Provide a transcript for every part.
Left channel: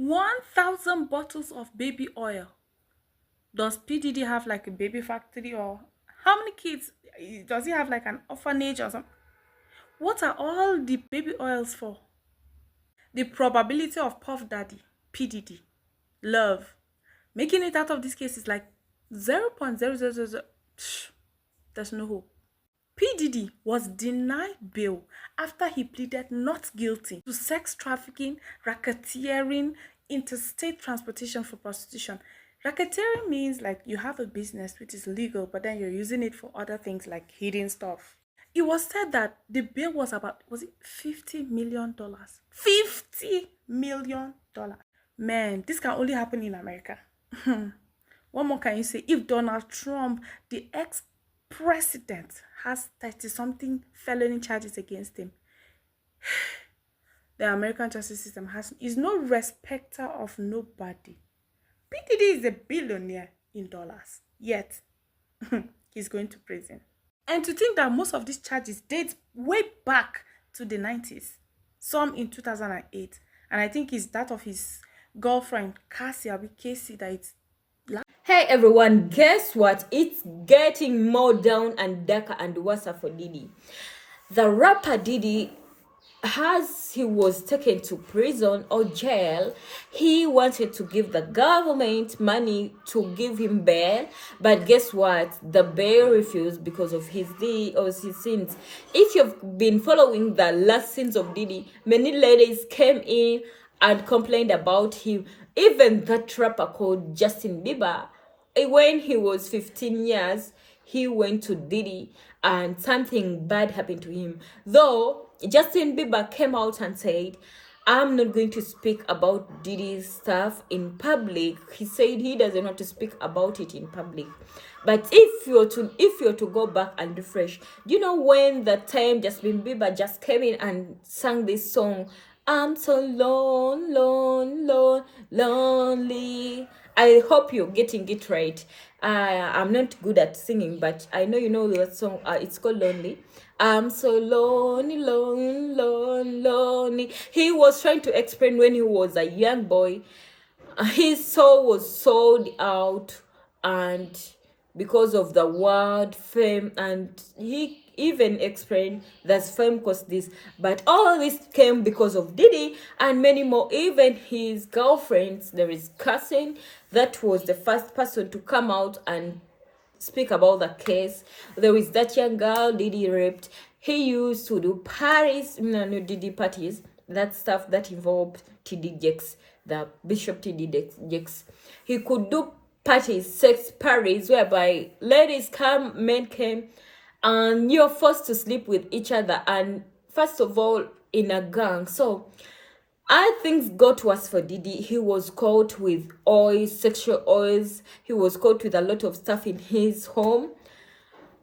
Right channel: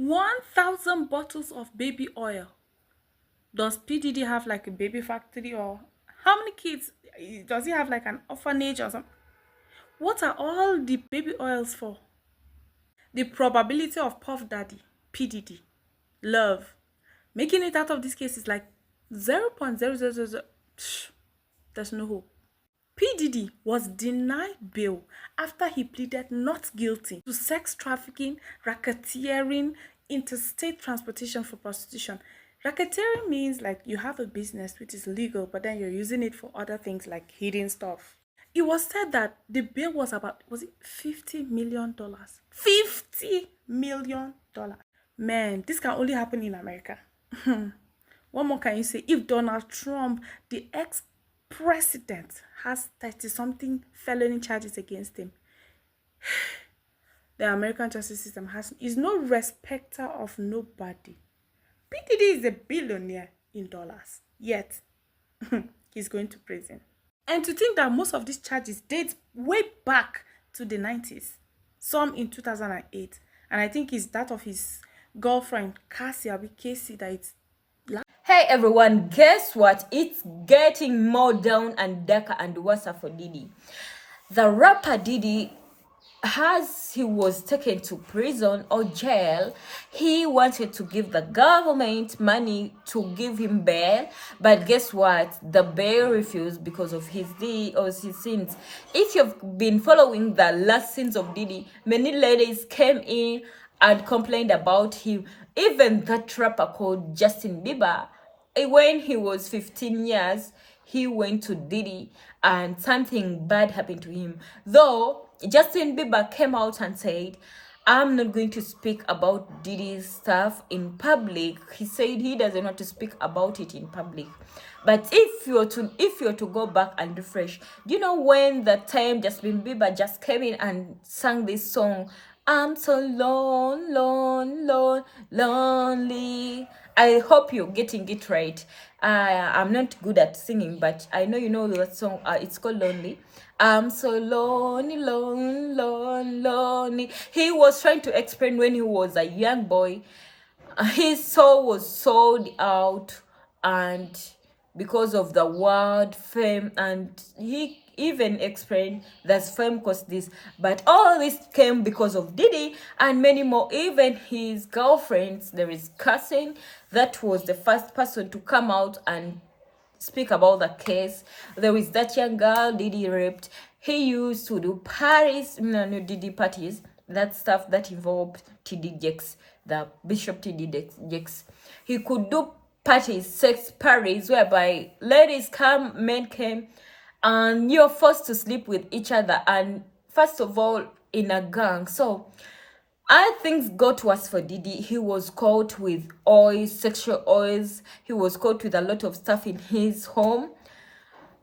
1,000 bottles of baby oil. Does P. Diddy have like a baby factory, or how many kids? Does he have like an orphanage or something? What are all the baby oils for? The probability of Puff Daddy, P. Diddy, love, making it out of this case is like 0.0000. There's no hope. P. Diddy was denied bail after he pleaded not guilty to sex trafficking, racketeering, interstate transportation for prostitution. Racketeering means like you have a business which is legal, but then you're using it for other things like hidden stuff. It was said that the bill was about, was it $50 million? $50 million. Man, this can only happen in America. What more can you say? If Donald Trump, the ex-president, has 30-something felony charges against him, the American justice system is no respecter of nobody. P. Diddy is a billionaire in dollars, yet he's going to prison. And to think that most of these charges date way back to the 90s, some in 2008, and I think it's that of his girlfriend, Casey, that it's. Hey everyone, guess what? It's getting more down and darker and worse for Diddy. The rapper Diddy, as he was taken to prison or jail, he wanted to give the government money to give him bail, but guess what? The bail refused because of his sins. If you've been following the last sins of Diddy, many ladies came in and complained about him. Even that rapper called Justin Bieber, when he was 15 years, he went to Diddy and something bad happened to him. Though Justin Bieber came out and said, I'm not going to speak about Diddy's stuff in public. He said he doesn't want to speak about it in public. But if you're to go back and refresh, you know when the time Justin Bieber just came in and sang this song, I'm so lonely. I hope you're getting it right. I'm not good at singing, but I know you know that song. It's called Lonely. I'm so lonely. He was trying to explain when he was a young boy, his soul was sold out, and because of the word fame, and he even explained that fame cost this, but all this came because of Diddy and many more. Even his girlfriends, there is Cousin, that was the first person to come out and speak about the case. There is that young girl Diddy raped. He used to do Diddy parties, that stuff that involved TD Jakes, the Bishop TD Jakes. He could do parties, sex parties, whereby ladies come, men came, and you're forced to sleep with each other, and first of all in a gang. So things got worse for Diddy. He was caught with oils, sexual oils. He was caught with a lot of stuff in his home,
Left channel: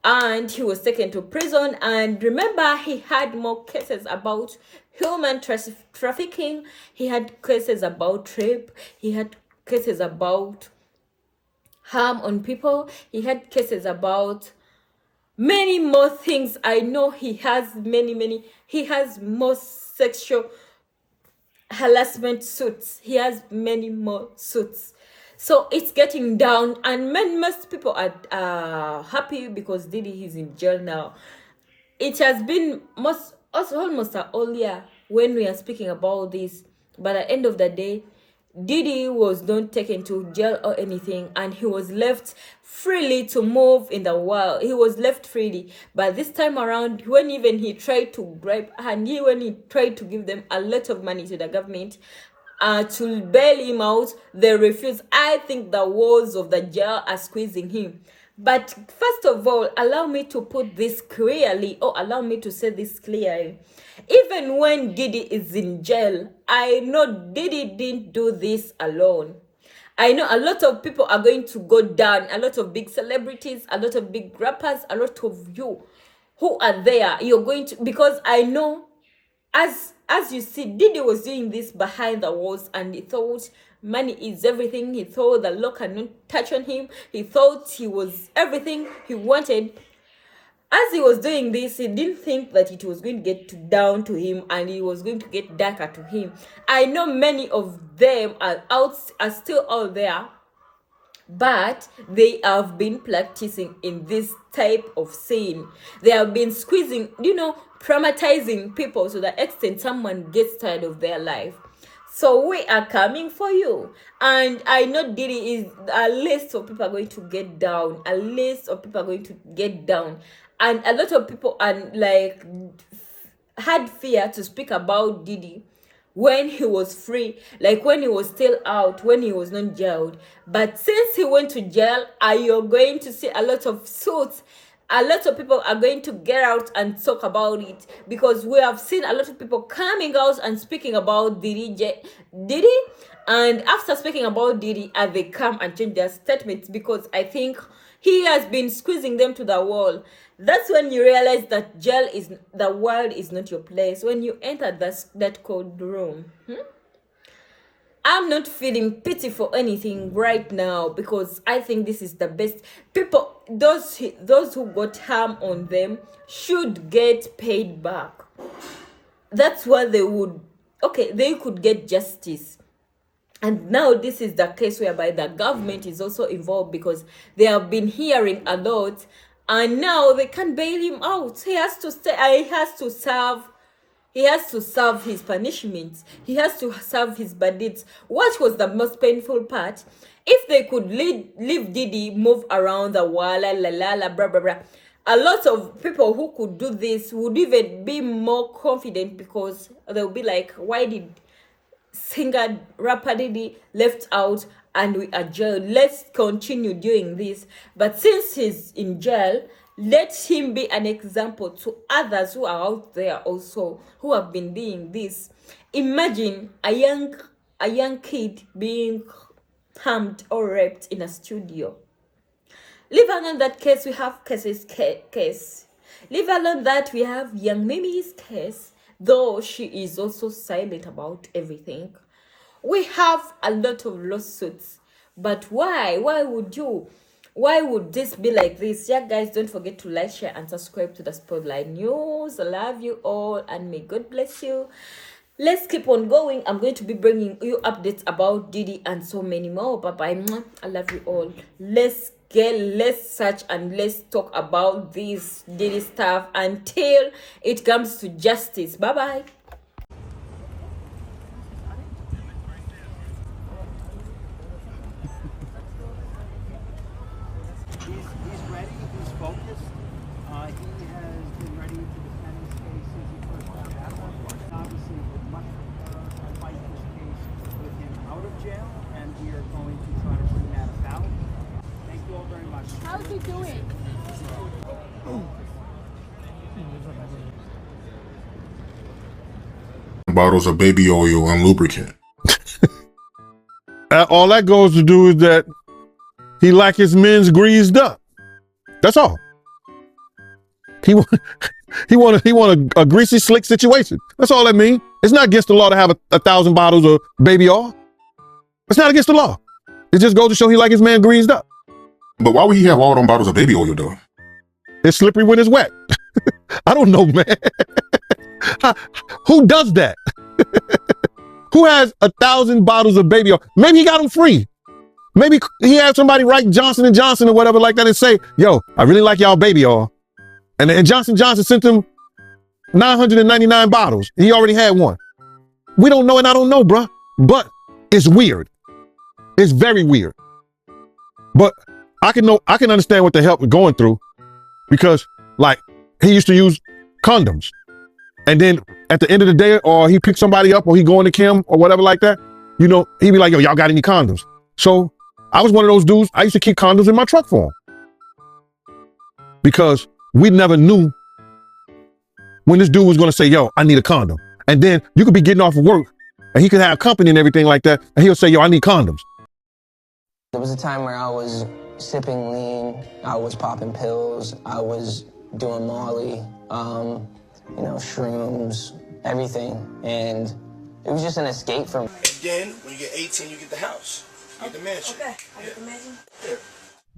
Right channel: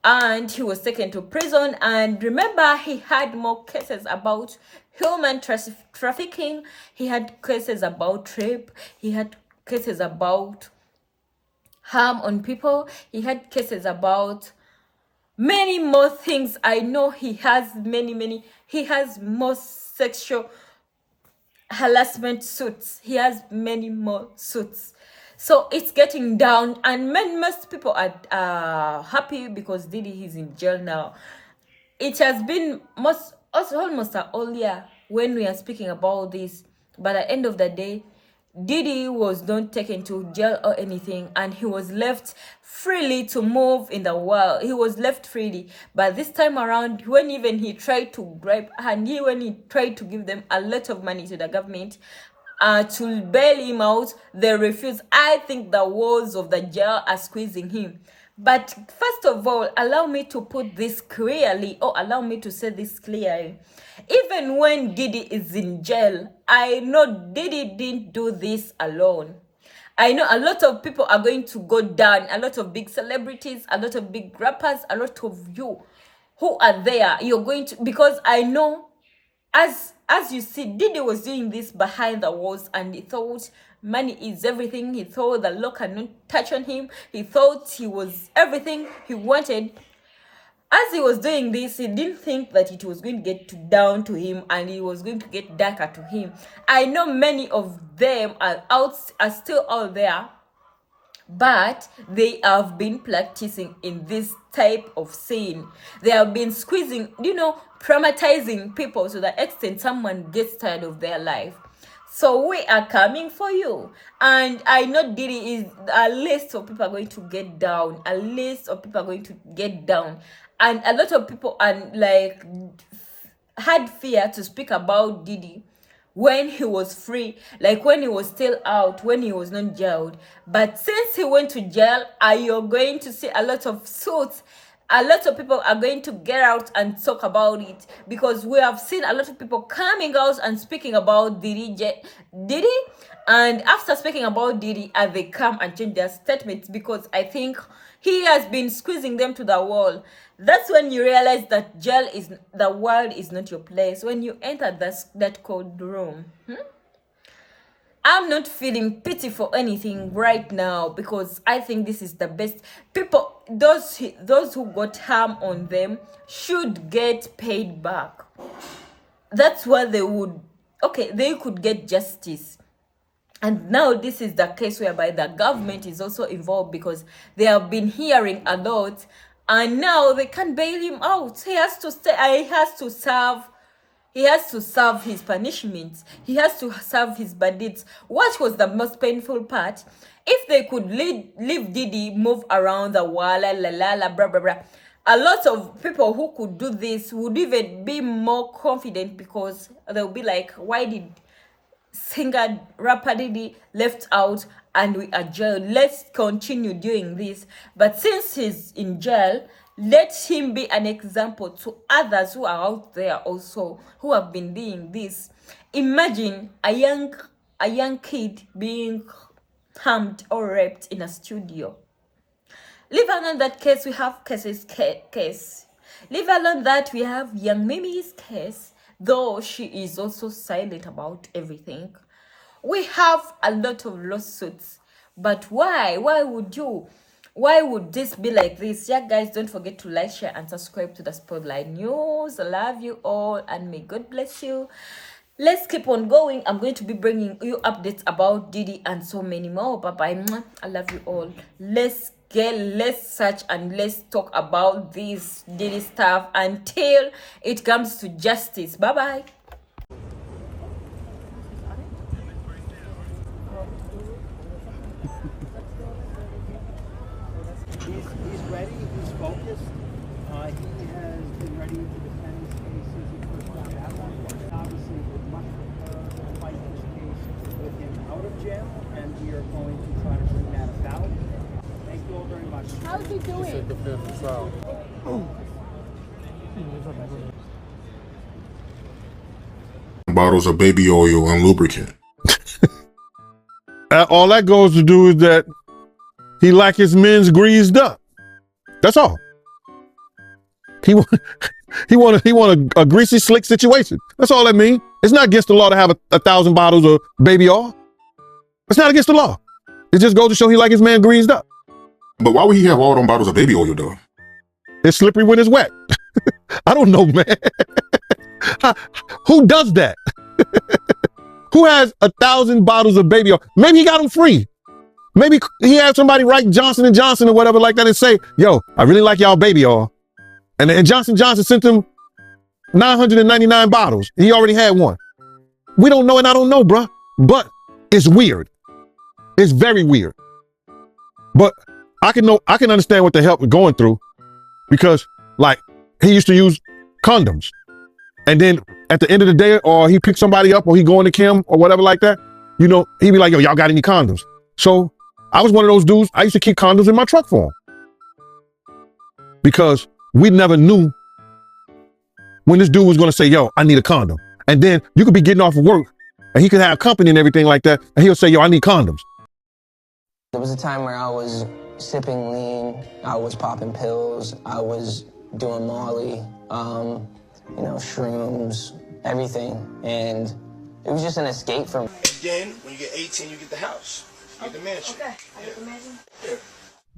and he was taken to prison. And remember, he had more cases about human trafficking. He had cases about rape. He had cases about harm on people. He had cases about many more things. I know he has he has more sexual harassment suits. He has many more suits. So it's getting down, and most people are happy because Diddy is in jail now. It has been almost a whole year when we are speaking about this, but at the end of the day, Diddy was not taken to jail or anything, and he was left freely to move in the world. He was left freely. But this time around, when even he tried to bribe, and when he tried to give them a lot of money to the government to bail him out, they refused. I think the walls of the jail are squeezing him. But first of all, allow me to put this clearly, or allow me to say this clearly. Even when Diddy is in jail, I know Diddy didn't do this alone. I know a lot of people are going to go down, a lot of big celebrities, a lot of big rappers, a lot of you who are there. You're going to, because I know, as you see, Diddy was doing this behind the walls, and he thought money is everything. He thought the law cannot touch on him. He thought he was everything he wanted. As he was doing this, he didn't think that it was going to get down to him and it was going to get darker to him. I know many of them are still out there, but they have been practicing in this type of sin. They have been squeezing, traumatizing people to the extent someone gets tired of their life. So we are coming for you. And I know Diddy is, a list of people are going to get down. A list of people are going to get down. And a lot of people are like, had fear to speak about Diddy when he was free, like when he was still out, when he was not jailed. But since he went to jail, you're going to see a lot of suits. A lot of people are going to get out and talk about it, because we have seen a lot of people coming out and speaking about Diddy. And after speaking about Diddy, they come and change their statements, because I think he has been squeezing them to the wall. That's when you realize that the world is not your place. When you enter that cold room. I'm not feeling pity for anything right now, because I think this is the best. People, those who got harm on them should get paid back. That's what they would. Okay, they could get justice. And now this is the case whereby the government is also involved, because they have been hearing a lot, and now they can't bail him out. He has to stay. He has to serve his punishment. He has to serve his bandits. What was the most painful part? If they could leave Diddy move around the world, blah blah blah, a lot of people who could do this would even be more confident, because they'll be like, why did singer rapper Diddy left out and we are jailed? Let's continue doing this. But since he's in jail, let him be an example to others who are out there also who have been doing this. Imagine a young kid being harmed or raped in a studio. Leave alone that case, we have case. Leave alone that we have young Mimi's case, though she is also silent about everything. We have a lot of lawsuits. But why? Why would this be like this? Yeah, guys, don't forget to like, share, and subscribe to the Spotlight News. I love you all, and may God bless you. Let's keep on going. I'm going to be bringing you updates about Diddy and so many more. Bye-bye. I love you all. Let's search and let's talk about this Diddy stuff until it comes to justice. Bye-bye. He's ready. He's focused. He has been ready to defend his case since he first got out. Obviously, would much prefer to fight this case with him out of jail, and we are going to try to bring that about. Thank you all very much. How's he doing? Bottles of baby oil and lubricant. All that goes to do is that he like his men's greased up. That's all. He want a greasy slick situation. That's all that means. It's not against the law to have 1,000 bottles of baby oil. It's not against the law. It just goes to show he like his man greased up. But why would he have all them bottles of baby oil though? It's slippery when it's wet. I don't know, man. Who does that? Who has 1,000 bottles of baby oil? Maybe he got them free. Maybe he had somebody write Johnson & Johnson or whatever like that and say, yo, I really like y'all baby oil. And Johnson & Johnson sent him 999 bottles. He already had one. We don't know, and I don't know, bruh. But it's weird. It's very weird. But I can understand what the hell we're going through, because like he used to use condoms. And then at the end of the day, or he picked somebody up, or he going to Kim or whatever like that, he'd be like, yo, y'all got any condoms? So I was one of those dudes. I used to keep condoms in my truck for him, because we never knew when this dude was going to say, yo, I need a condom. And then you could be getting off of work and he could have company and everything like that. And he'll say, yo, I need condoms. There was a time where I was sipping lean, I was popping pills, I was doing Molly, shrooms, everything. And it was just an escape from. Then, when you get 18, you get the house. You get the mansion. Okay, I get the mansion? Yeah.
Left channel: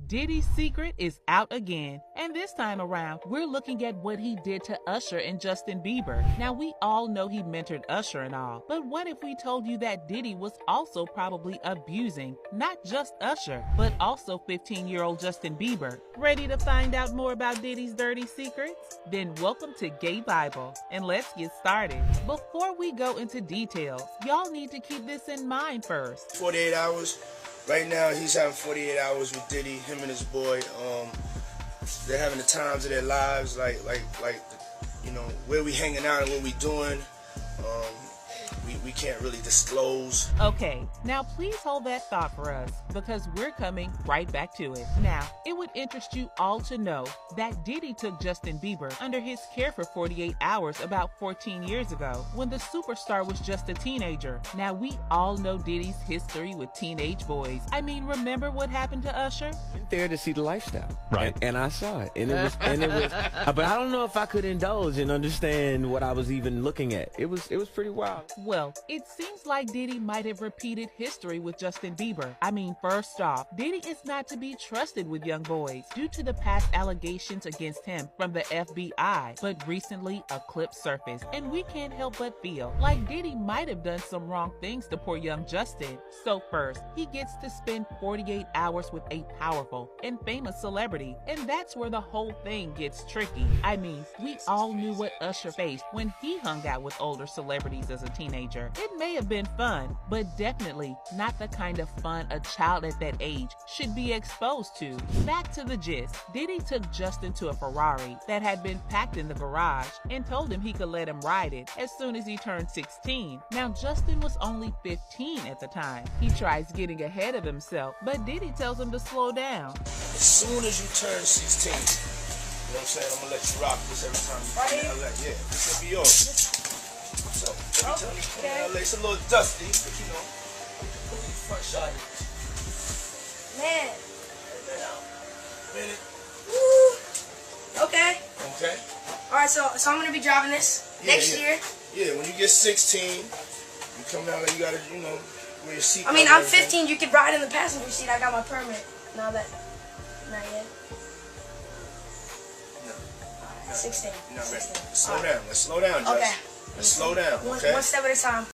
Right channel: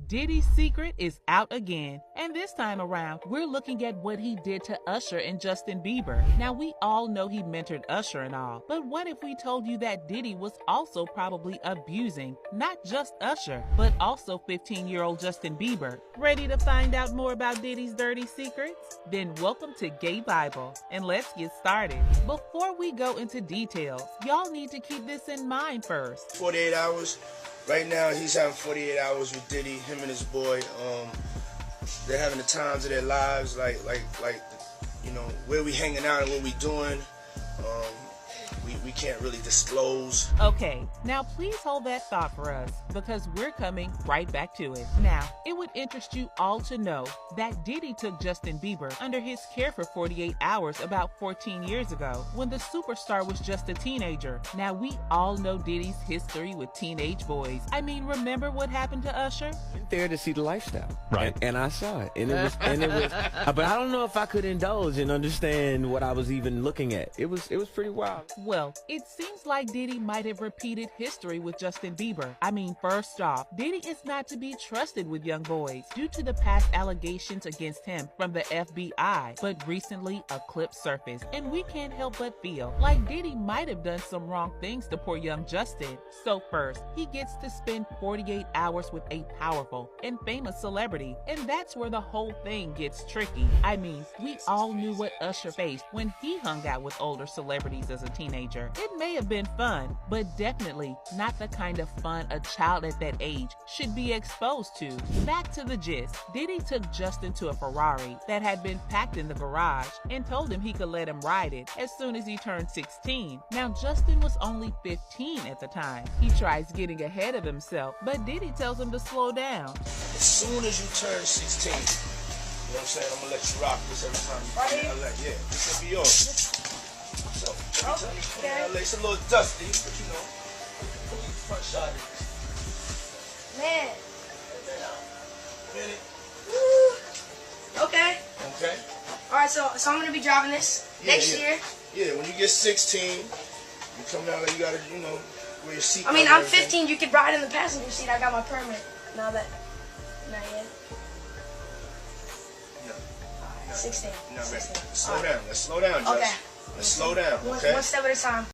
Diddy's secret is out again, and this time around, we're looking at what he did to Usher and Justin Bieber. Now, we all know he mentored Usher and all, but what if we told you that Diddy was also probably abusing not just Usher, but also 15-year-old Justin Bieber? Ready to find out more about Diddy's dirty secrets? Then welcome to Gay Bible, and let's get started. Before we go into details, y'all need to keep this in mind first. 48 hours. Right now, he's having 48 hours with Diddy, him and his boy. They're having the times of their lives, like, you know, where we hanging out and what we doing. We can't really disclose. Okay, now please hold that thought for us, because we're coming right back to it. Now, it would interest you all to know that Diddy took Justin Bieber under his care for 48 hours about 14 years ago, when the superstar was just a teenager. Now, we all know Diddy's history with teenage boys. I mean, remember what happened to Usher? There to see the lifestyle, Right. And I saw it, and it was, but I don't know if I could indulge and understand what I was even looking at. It was pretty wild. Well, it seems like Diddy might have repeated history with Justin Bieber. I mean, first off, Diddy is not to be trusted with young boys due to the past allegations against him from the FBI. But recently, a clip surfaced, and we can't help but feel like Diddy might have done some wrong things to poor young Justin. So first, he gets to spend 48 hours with a powerful and famous celebrity, and that's where the whole thing gets tricky. I mean, we all knew what Usher faced when he hung out with older celebrities as a teenager. It may have been fun, but definitely not the kind of fun a child at that age should be exposed to. Back to the gist, Diddy took Justin to a Ferrari that had been packed in the garage and told him he could let him ride it as soon as he turned 16. Now, Justin was only 15 at the time. He tries getting ahead of himself, but Diddy tells him to slow down. As soon as you turn 16, you know what I'm saying? I'm gonna let you rock this every time you come to LA. Yeah, this will be yours. So, every time you come to LA, it's a little dusty, but you know, front shot of this. Man. Minute. Woo. Okay. Okay? Alright, so I'm gonna be driving this next year. Yeah, when you get 16, you come down there, you gotta, you know, wear your seat. I mean, I'm 15. You could ride in the passenger seat. I got my permit. Not yet. No. Alright, 16. You're not ready. 16. Let's slow down. Let's slow down, Judge. Okay. Let's slow down, okay? One step at a time.